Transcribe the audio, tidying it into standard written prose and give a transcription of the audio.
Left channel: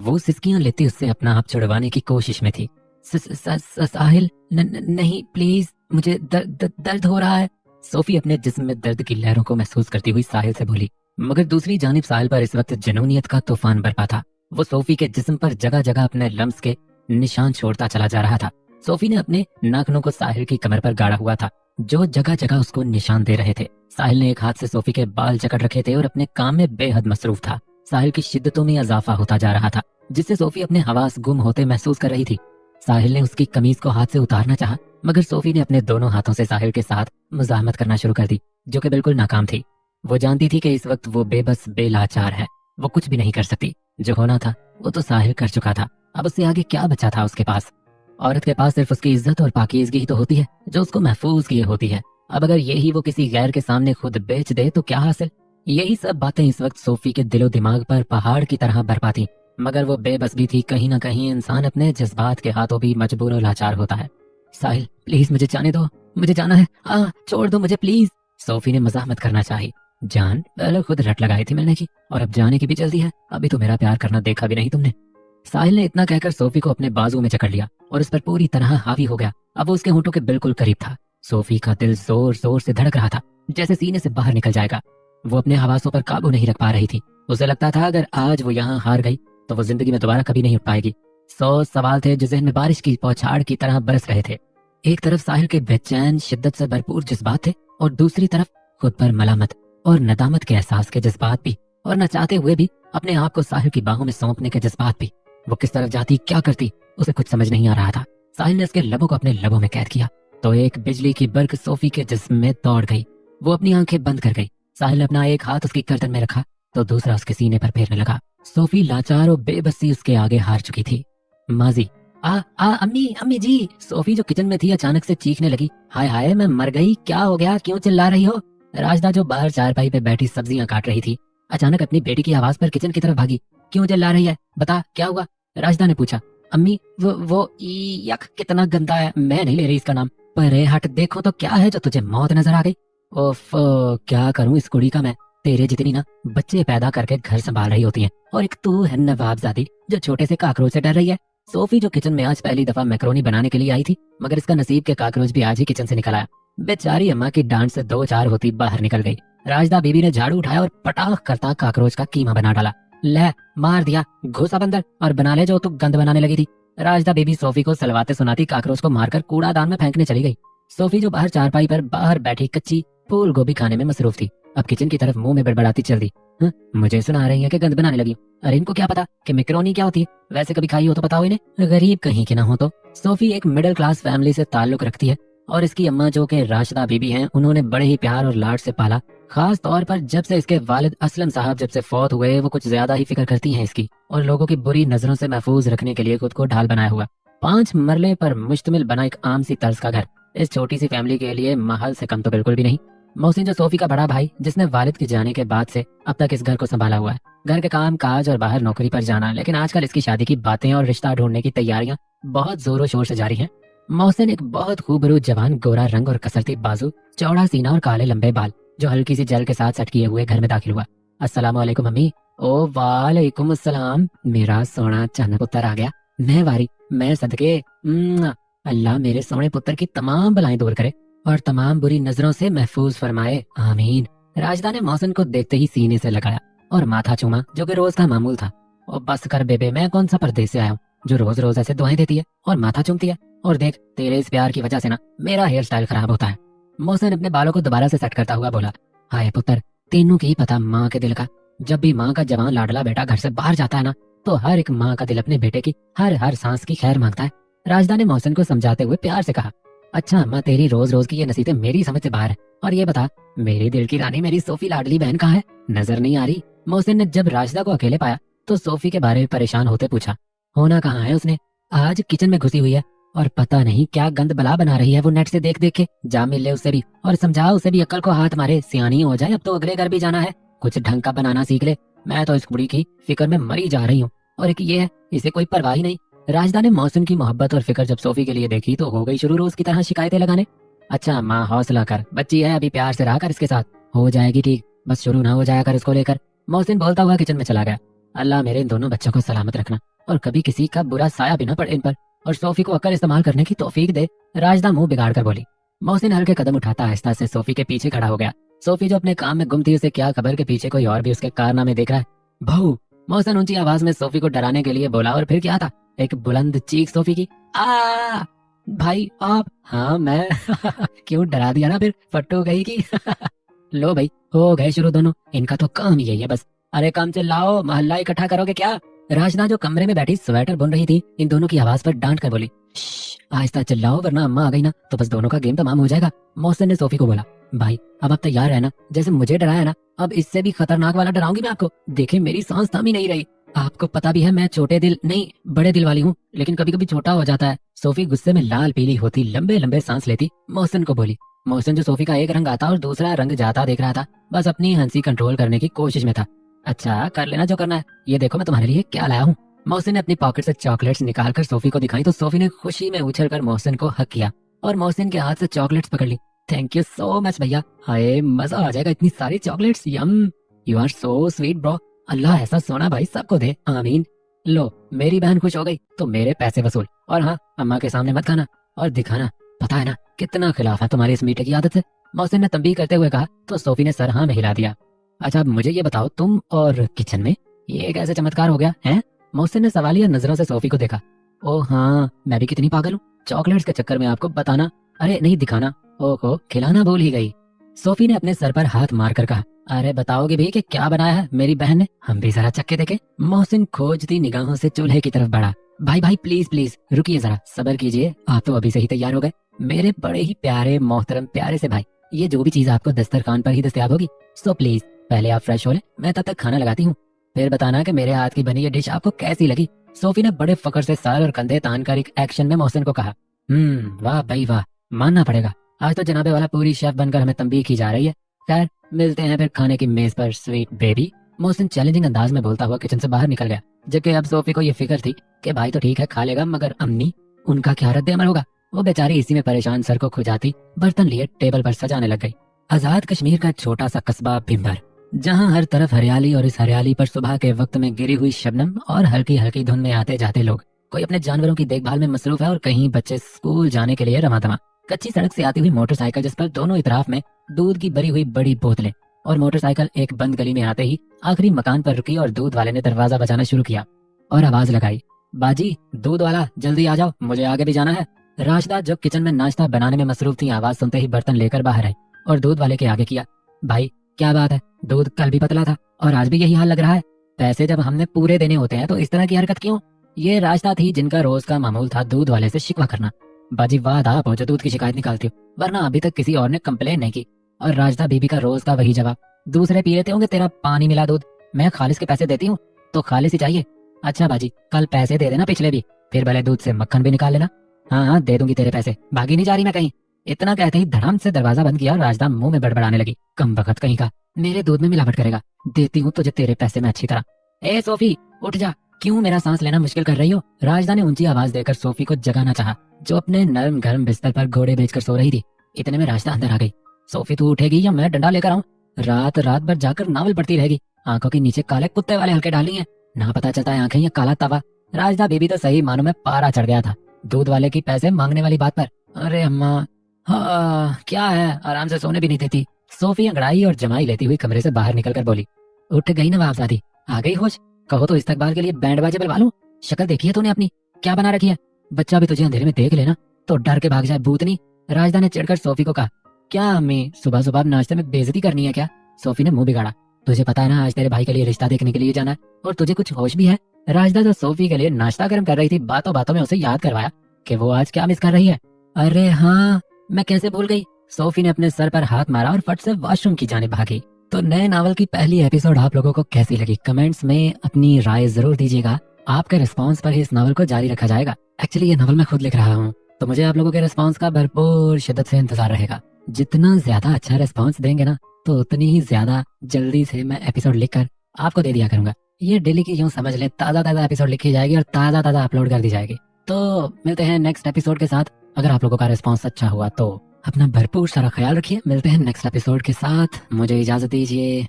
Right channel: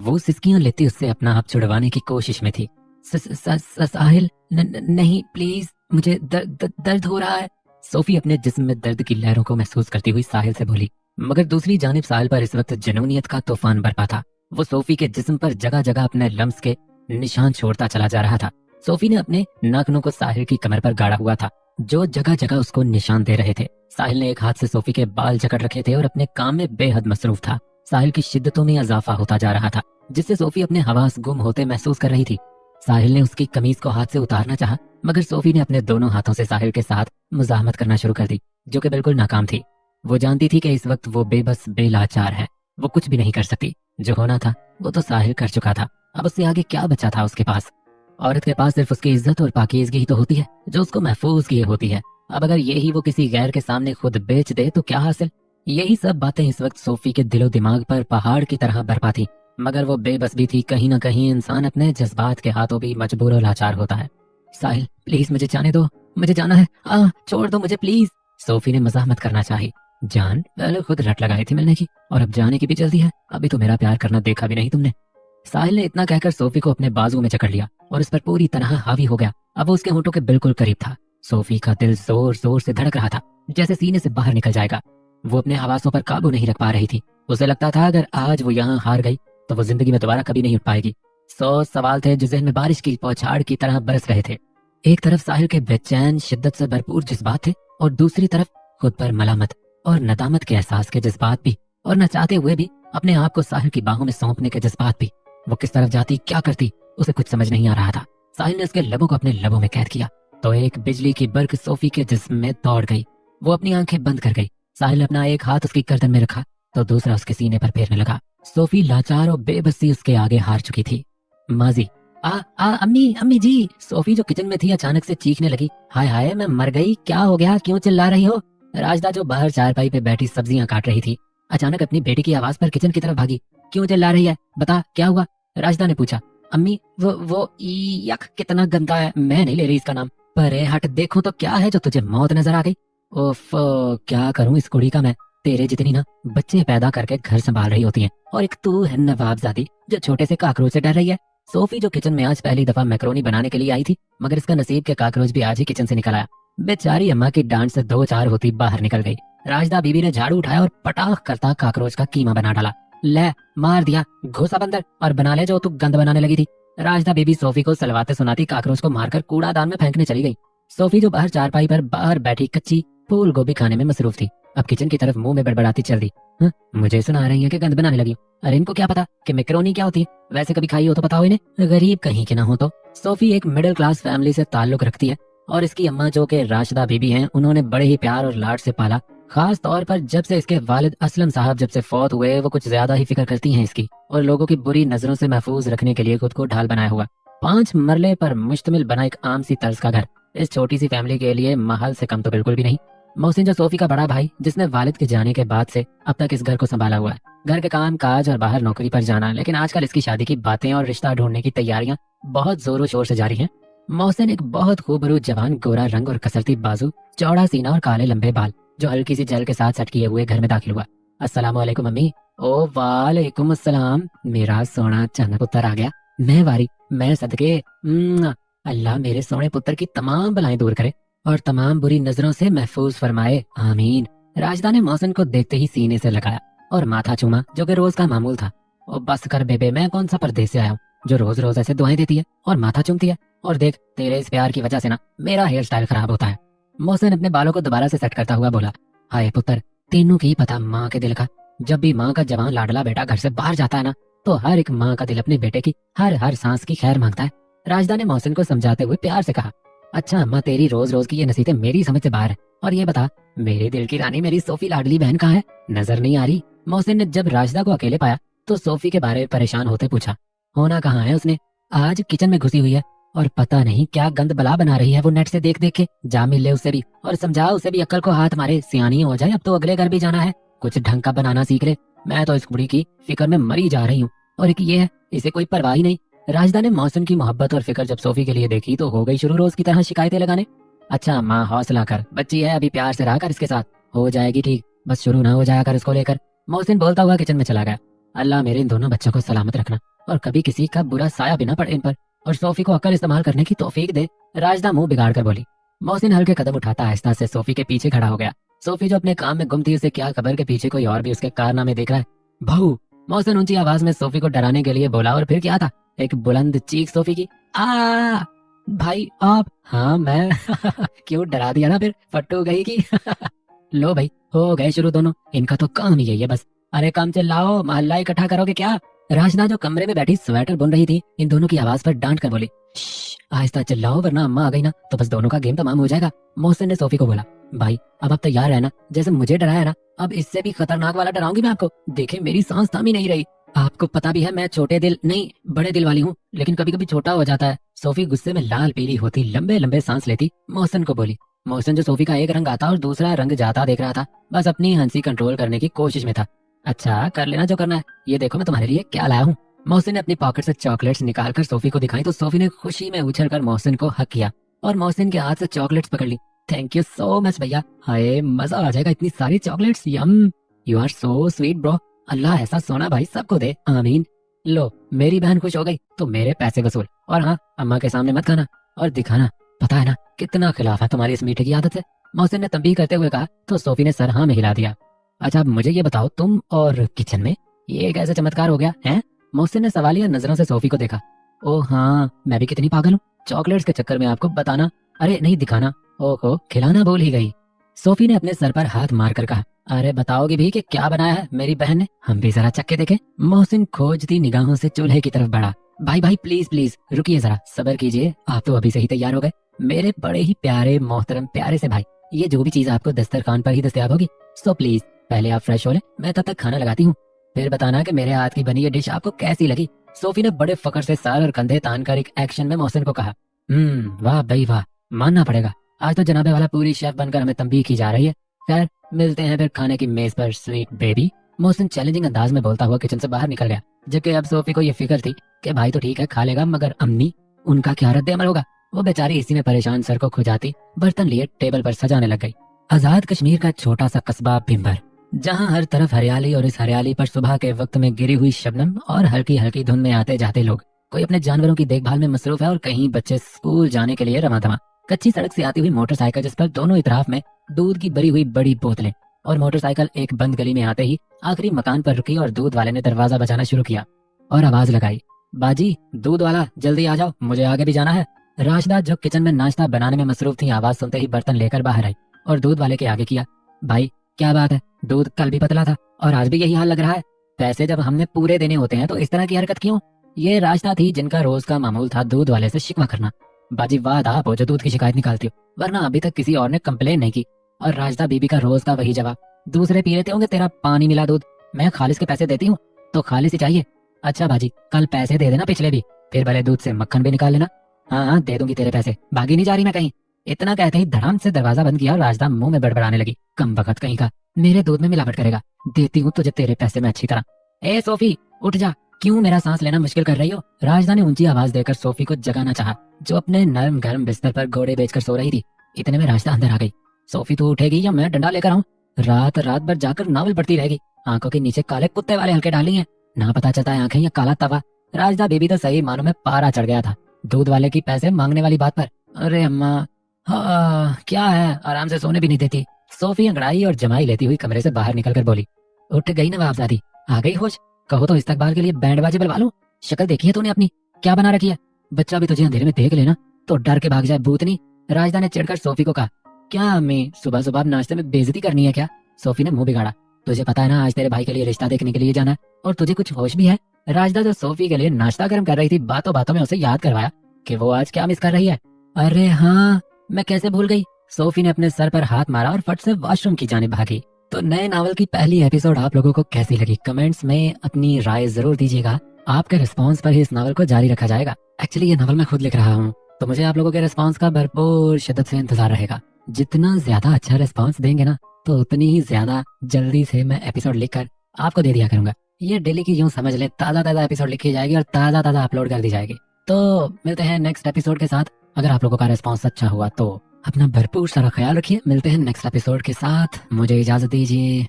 वो सिसकियां लेती उससे अपना आप छुड़वाने की कोशिश में थी। साहिल, नहीं प्लीज, मुझे दर्द हो रहा है। सोफी अपने जिस्म में दर्द की लहरों को महसूस करती हुई साहिल से बोली। मगर दूसरी जानिब साहिल पर इस वक्त जुनूनियत का तूफान बरपा था। वो सोफी के जिस्म पर जगह जगह अपने लम्स के निशान छोड़ता चला जा रहा था। सोफी ने अपने नाखूनों को साहिल की कमर पर गाड़ा हुआ था, जो जगह जगह उसको निशान दे रहे थे। साहिल ने एक हाथ से सोफी के बाल जकड़ रखे थे और अपने काम में बेहद मसरूफ था। साहिल की शिद्दतों में इजाफा होता जा रहा था, जिससे सोफी अपने हवास गुम होते महसूस कर रही थी। साहिल ने उसकी कमीज को हाथ से उतारना चाहा, मगर सोफी ने अपने दोनों हाथों से साहिल के साथ मुजाहमत करना शुरू कर दी, जो कि बिल्कुल नाकाम थी। वो जानती थी कि इस वक्त वो बेबस बेलाचार है, वो कुछ भी नहीं कर सकती। जो होना था वो तो साहिल कर चुका था, अब उससे आगे क्या बचा था उसके पास। औरत के पास सिर्फ उसकी इज्जत और पाकीज़गी ही तो होती है, जो उसको महफूज किए होती है। अब अगर यही वो किसी गैर के सामने खुद बेच दे तो क्या हासिल। यही सब बातें इस वक्त सोफी के दिलो दिमाग पर पहाड़ की तरह बरपा थी, मगर वो बेबस भी थी। कहीं ना कहीं इंसान अपने जज्बात के हाथों भी मजबूर और लाचार होता है। साहिल प्लीज मुझे जाने दो, मुझे जाना है, हाँ छोड़ दो मुझे प्लीज। सोफी ने मजाहमत करना चाही। जान, पहले खुद रट लगाई थी मिलने की, और अब जाने की भी जल्दी है, अभी तो मेरा प्यार करना देखा भी नहीं तुमने। साहिल ने इतना कहकर सोफी को अपने बाजू में जकड़ लिया और उस पर पूरी तरह हावी हो गया। अब वो उसके होंठों के बिल्कुल करीब था। सोफी का दिल जोर जोर से धड़क रहा था, जैसे सीने से बाहर निकल जाएगा। वो अपने हवासों पर काबू नहीं रख पा रही थी। उसे लगता था अगर आज वो यहाँ हार गई तो वो जिंदगी में दोबारा कभी नहीं उठ पाएगी। 100 सवाल थे जो जहन में बारिश की बौछार की तरह बरस रहे थे। एक तरफ साहिल के बेचैन शिद्दत से भरपूर जज्बात थे, और दूसरी तरफ खुद पर मलामत और नदामत के एहसास के जज्बात भी, और न चाहते हुए भी अपने आप को साहिल की बाहों में सौंपने के जज्बात भी। वो किस तरफ जाती, क्या करती, उसे कुछ समझ नहीं आ रहा था। साहिल ने उसके लबों को अपने लबों में कैद किया तो एक बिजली की बर्क सोफी के जिस्म में दौड़ गई। वो अपनी आंखें बंद कर गई। साहिल अपना एक हाथ उसकी गर्दन में रखा तो दूसरा उसके सीने पर फेरने लगा। सोफी लाचार और बेबसी उसके आगे हार चुकी थी। माजी, अम्मी अम्मी जी। सोफी जो किचन में थी अचानक से चीखने लगी। हाय हाय, मैं मर गई, क्या हो गया, क्यों चिल्ला रही हो। राजदा जो बाहर चारपाई पे बैठी सब्जियां काट रही थी, अचानक अपनी बेटी की आवाज पर किचन की तरफ भागी। क्यों चिल्ला रही है, बता क्या हुआ। राजदा ने पूछा। अम्मी वो यक कितना गंदा है, मैं नहीं ले रही इसका नाम। पर हट, देखूं तो क्या है जो तुझे मौत नजर आ गई। ओफ, क्या करूं इस कुड़ी का मैं। तेरे जितनी ना बच्चे पैदा करके घर संभाल रही होती हैं, और एक तू है नवाबजादी जो छोटे से काकरोच से डर रही है। सोफी जो किचन में आज पहली दफा मैक्रोनी बनाने के लिए आई थी, मगर इसका नसीब के काकरोच भी आज ही किचन से निकल आया। बेचारी अम्मा की डांट से 2-4 होती बाहर निकल गई। राजदा बीबी ने झाड़ू उठाया और पटाख करता काकरोच का कीमा बना डाला। ले, मार दिया, घुस अब अंदर और बना ले जो तू गंद बनाने लगी थी। राजदा बीबी सोफी को सलवाते सुनाती काकरोच को मारकर कूड़ादान में फेंकने चली गई। सोफी जो बाहर चारपाई पर बाहर बैठी कच्ची फूल गोभी खाने में मसरूफ थी, अब किचन की तरफ मुंह में बड़बड़ाती चल दी। मुझे सुना रही है कि गंद बनाने लगी। अरे इनको क्या पता कि मैक्रोनी क्या होती है, वैसे कभी खाई हो तो पता हो इन्हें, गरीब कहीं के ना हो तो। सोफी एक मिडिल क्लास फैमिली से ताल्लुक रखती है, और इसकी अम्मा जो के राशिदा बीबी हैं, उन्होंने बड़े ही प्यार और लाड से पाला। खास तौर पर जब से इसके वालिद असलम साहब जब से फौत हुए, वो कुछ ज्यादा ही फिक्र करती हैं इसकी, और लोगों की बुरी नजरों से महफूज रखने के लिए खुद को ढाल बनाया हुआ 5 मरले पर मुश्तमिल बना एक आम सी तर्ज का घर इस छोटी सी फैमिली के लिए महल से कम तो बिल्कुल भी नहीं। मोहसिन जो सोफी का बड़ा भाई, जिसने वालिद के जाने के बाद से अब तक इस घर को संभाला हुआ है, घर के काम काज और बाहर नौकरी पर जाना, लेकिन आजकल इसकी शादी की बातें और रिश्ता ढूंढने की तैयारियां बहुत जोरों शोर से जारी हैं। मोहसिन एक बहुत खूबरूप जवान, गोरा रंग और कसरती बाजू, चौड़ा सीना और काले लंबे बाल, जो हल्की सी जल के साथ सेट किए हुए घर में दाखिल हुआ। अस्सलाम वालेकुम अम्मी। ओ वालेकुम अस्सलाम, मेरा सोना चन्न पुत्र आ गया। मैं वारी, मैं सदके। अल्लाह मेरे सोने पुत्र की तमाम बलाएं दूर करे और तमाम बुरी नजरों से महफूज फरमाए, आमीन। राजदा ने मोहसिन को देखते ही सीने से लगाया और माथा चूमा, जो कि रोज का मामूल था। और बस कर बेबे, मैं कौन सा परदेश से आया हूँ जो रोज रोज ऐसे दुआएं देती है और माथा चूमती है। और देख, तेरे इस प्यार की वजह से ना मेरा हेयर स्टाइल खराब होता है। मोहसिन अपने बालों को दोबारा से सेट करता हुआ बोला। हाय पुत्र, तेनू की पता माँ के दिल का। जब भी माँ का जवान लाडला बेटा घर से बाहर जाता है ना, तो हर एक माँ का दिल अपने बेटे की हर हर सांस की खैर मांगता है। राजदा ने मोहसिन को समझाते हुए प्यार से कहा। अच्छा अम्मा, तेरी रोज रोज की ये नसीहतें मेरी समझ से बाहर है। और ये बता, मेरे दिल की रानी मेरी सोफी लाडली बहन कहाँ है, नजर नहीं आ रही। मोहसिन ने जब राजदा को अकेले पाया तो सोफी के बारे में परेशान होते पूछा। होना कहाँ है उसने, आज किचन में घुसी हुई है, और पता नहीं क्या गंद बला बना रही है वो नेट से देख देख के। जा मिल ले उससे भी और समझा उसे भी, अक्ल को हाथ मारे, सियानी हो जाए, अब तो अगले घर भी जाना है, कुछ ढंग का बनाना सीख ले। मैं तो इस कुड़ी की फिक्र में मरी जा रही हूँ, और एक ये है, इसे कोई परवाह ही नहीं। राजदा ने मोहसिन की मोहब्बत और फिक्र जब सोफी के लिए देखी तो हो गई शुरू रोज की तरह शिकायतें लगाने। अच्छा माँ, हौसला कर, बच्ची है अभी, प्यार से रहा कर इसके साथ, हो जाएगी ठीक, बस शुरू ना हो जाया कर इसको लेकर। मोहसिन बोलता हुआ किचन में चला गया। अल्लाह मेरे इन दोनों बच्चों को सलामत रखना और कभी किसी का बुरा साया भी न पड़े इन पर, और सोफी को अक्ल इस्तेमाल करने की तौफीक दे। राजदा मुंह बिगाड़ कर बोली। मोहसिन हल्के कदम उठाता आहिस्ता से सोफी के पीछे खड़ा हो गया। सोफी जो अपने काम में गुम थी, उसे क्या खबर के पीछे कोई और भी उसके कारनामे देख रहा है। बहू, मोहसिन ऊंची आवाज में सोफी को डराने के लिए बोला, और फिर क्या था, एक बुलंद चीख सोफी की। आ भाई आप? हाँ मैं क्यों डरा दिया ना, फिर फट्टू गई की लो भाई, हो गए शुरू दोनों, इनका तो काम ही यही है बस। अरे काम चिल्लाओ, मोहल्ला इकट्ठा करोगे क्या? राजना जो कमरे में बैठी स्वेटर बुन रही थी, इन दोनों की आवाज पर डांट कर बोली, आहिस्ता चिल्लाओ वरना अम्मा आ गई ना तो बस दोनों का गेम तमाम हो जाएगा। मोहसिन ने सोफी को बोला, भाई अब आप तैयार है ना, जैसे मुझे डराया ना, अब इससे भी खतरनाक वाला डराऊंगी मैं आपको। देखे मेरी सांस थम ही नहीं रही। आपको पता भी है मैं छोटे दिल नहीं बड़े दिल वाली हूँ, लेकिन कभी कभी छोटा हो जाता है। सोफी गुस्से में लाल पीली होती लंबे लंबे सांस लेती मोहसिन को बोली। मोहसिन जो सोफी का एक रंग आता और दूसरा रंग जाता देख रहा था, बस अपनी हंसी कंट्रोल करने की कोशिश में था। अच्छा कर लेना जो करना है, ये देखो मैं तुम्हारे लिए क्या लाया हूँ। मोहसिन ने अपनी पॉकेट से चॉकलेट्स निकालकर सोफी को दिखाई तो सोफी ने खुशी में उछलकर मोहसिन को हक किया और मोहसिन के हाथ से चॉकलेट्स पकड़ ली। थैंक यू सो मच भैया, हाय मजा आ जाएगा इतनी सारी chocolates, yum you are so sweet bro. Allah ऐसा सोना भाई सबको दे, आमीन। लो मेरी बहन खुश हो गई तो मेरे पैसे वसूल, और हाँ अम्मा के सामने मत खाना और दिखाना, पता है ना कितना खिलाफ है तुम्हारी इस मीठे की आदत से। मोहसिन ने तंबीह करते हुए कहा तो सोफी ने सर हाँ में हिला दिया। अच्छा अब मुझे ये बताओ, तुम और किचन में ये कैसे चमत्कार हो गया है? मोहसिन ने सवालिया नजरों से सोफी को देखा। ओ हाँ मैं भी कितनी पागल हूँ, चॉकलेट्स के चक्कर में आपको बताना, अरे नहीं दिखाना, ओहो खिलाना भूल ही गई। सोफी ने अपने सर पर हाथ मारकर कहा, अरे बताओगे भी कि क्या बनाया है मेरी बहन ने, हम भी जरा चक्के देखे। मोहसिन खोजती निगाहों से चूल्हे की तरफ बढ़ा। भाई भाई प्लीज प्लीज रुकिए जरा, सब्र कीजिए, आप तो अभी से ही तैयार हो गए मेरे बड़े ही प्यारे मोहतरम प्यारे से भाई। ये जो भी चीज आपको दस्तरखान पर ही दस्तयाब होगी, सो प्लीज पहले आप फ्रेश हो ले, मैं तब तक खाना लगाती हूँ, फिर बताना कि मेरे हाथ की बनी ये डिश आपको कैसी लगी। सोफी ने बड़े फकर से सर और कंधे तान कर एक एक्शन में मोहसिन को कहा। वाह भाई वाह, मानना पड़ेगा, आज तो जनाबे वाला पूरी शेफ बनकर हमें तंबीह की जा रही है। खैर मिलते हैं फिर खाने की मेज पर स्वीट बेबी। मोहसिन चैलेंजिंग अंदाज में बोलता हुआ किचन से बाहर निकल गया, जबकि अब सोफी को ये फिक्र थी कि भाई तो ठीक है खा लेगा, मगर अम्मी उनका क्या रद्द अमल होगा। वो बेचारी इसी में परेशान सर को खुजाती बर्तन लिए टेबल पर सजाने लग गई। आजाद कश्मीर का छोटा सा कस्बा भिम्बर, जहाँ हर तरफ हरियाली और इस हरियाली पर सुबह के वक्त में गिरी हुई शबनम और हल्की हल्की धुन में आते जाते लोग, कोई अपने जानवरों की देखभाल में मसरूफ है और कहीं बच्चे स्कूल जाने के लिए रमादमा। कच्ची सड़क से आती हुई मोटरसाइकिल जिस पर दोनों इतराफ में दूध की भरी हुई बड़ी बोतलें, और मोटरसाइकिल एक बंद गली में आते ही आखिरी मकान पर रुकी और दूध वाले ने दरवाजा बजाना शुरू किया और आवाज लगाई, बाजी दूध वाला जल्दी आ जाओ, मुझे आगे भी जाना है। राशदा जो किचन में नाश्ता बनाने में मसरूफ थी, आवाज सुनते ही बर्तन लेकर बाहर आई और दूध वाले के आगे किया, भाई क्या बात है, दूध कल भी पतला था और आज भी यही हाल लग रहा है, पैसे जब हमने पूरे देने होते हैं तो इस तरह की हरकत क्यों? ये राशदा थी जिनका रोज का मामूल था दूध वाले से शिकवा करना। बाजी वाह आप हो जो दूध की शिकायत निकालते हो, वरना अभी तक किसी और ने कंप्लेन नहीं की। और राजदा बीबी का रोज का वही जवाब, दूसरे पी लेते होंगे तेरा पानी मिला दूध, मैं खालिस के पैसे देती हूँ तो खालिस ही चाहिए। अच्छा बाजी कल पैसे दे देना पिछले भी, फिर भले दूध से मक्खन भी निकाल लेना। हाँ हाँ दे दूंगी तेरे पैसे, भागी नहीं जा रही मैं कहीं। इतना कहते ही धड़ाम से दरवाजा बंद किया और राजदा मुंह में बड़बड़ाने लगी, कम वक्त कहीं का, मेरे दूध में मिलावट करेगा, देती हूँ तुझे तेरे पैसे में अच्छी तरह। ए सोफी उठ जा, क्यों मेरा सांस लेना मुश्किल कर रही हो? राजदा ने ऊंची आवाज देकर सोफी को जगाना चाहा, जो अपने नरम गर्म बिस्तर पर घोड़े बेचकर सो रही थी। इतने में राजदा अंदर आ गई। सोफी तू उठेगी या मैं डंडा लेकर आऊं? रात रात भर जाकर नावल पढ़ती रहेगी, आंखों के नीचे काले कुत्ते वाले हल्के डाली हैं, ना पता चलता है आंखें या काला तवा। राजदा बीबी तो सही मानो में पारा चढ़ गया था दूध वाले की पैसे मांगने वाली बात पर। अरे अम्मा हाँ क्या है, आराम से सोने भी नहीं देती। सोफी अंगड़ाई और जमाई लेती हुई कमरे से बाहर निकलकर बोली, उठ गई नवाबजादी, आ गई होश, कहो तो इस्तकबाल के लिए बैंड बाजे बुलवा लूं। शक्ल देखी है तूने अपनी, क्या बना रखी है? बच्चा भी तुझे अंधेरे में देख लेना तो डर के भाग जाए भूतनी। राजदा ने चिढ़कर सोफी को कहा, क्या अम्मी सुबह सुबह नाश्ते में बेइज्जती करनी है क्या? सोफी ने मुंह बिगाड़ा, तुझे पता है ना आज तेरे भाई के लिए रिश्ता देखने के लिए जाना है और तुझे कुछ होश भी है? राजदा जो सोफी के लिए नाश्ता गर्म कर रही थी, बातों बातों में उसे याद करवाया कि वो आज क्या मिस कर रही है। अरे हाँ मैं कैसे भूल गई। सोफी ने अपने सर पर हाथ मारा और फट से वॉशरूम की जाने भागी। तो नए नावल की पहली एपिसोड आप लोगों को कैसी लगी कमेंट्स में अपनी राय जरूर दीजिएगा। आपके रिस्पांस पर ही इस नावल को जारी रखा जाएगा। एक्चुअली ये नावल मैं खुद लिख रहा हूँ तो मुझे आप लोगों के रिस्पांस का भरपूर शिद्दत से इंतजार रहेगा। जितना ज्यादा अच्छा रिस्पांस देंगे ना तो उतनी ही ज्यादा जल्दी से मैं एपिसोड लिखकर आपको दे दिया करूंगा। ये डेली की यूं समझ ले, ताजा ताजा एपिसोड लिखी जाएगी और ताजा ताजा अपलोड कर दी जाएगी। तो मिलते हैं नेक्स्ट एपिसोड के साथ। अगर आप लोगों का रिस्पांस अच्छा हुआ तो अपना भरपूर सारा ख्याल रखिए। मिलते हैं नेक्स्ट एपिसोड के साथ, मुझे इजाजत दीजिए।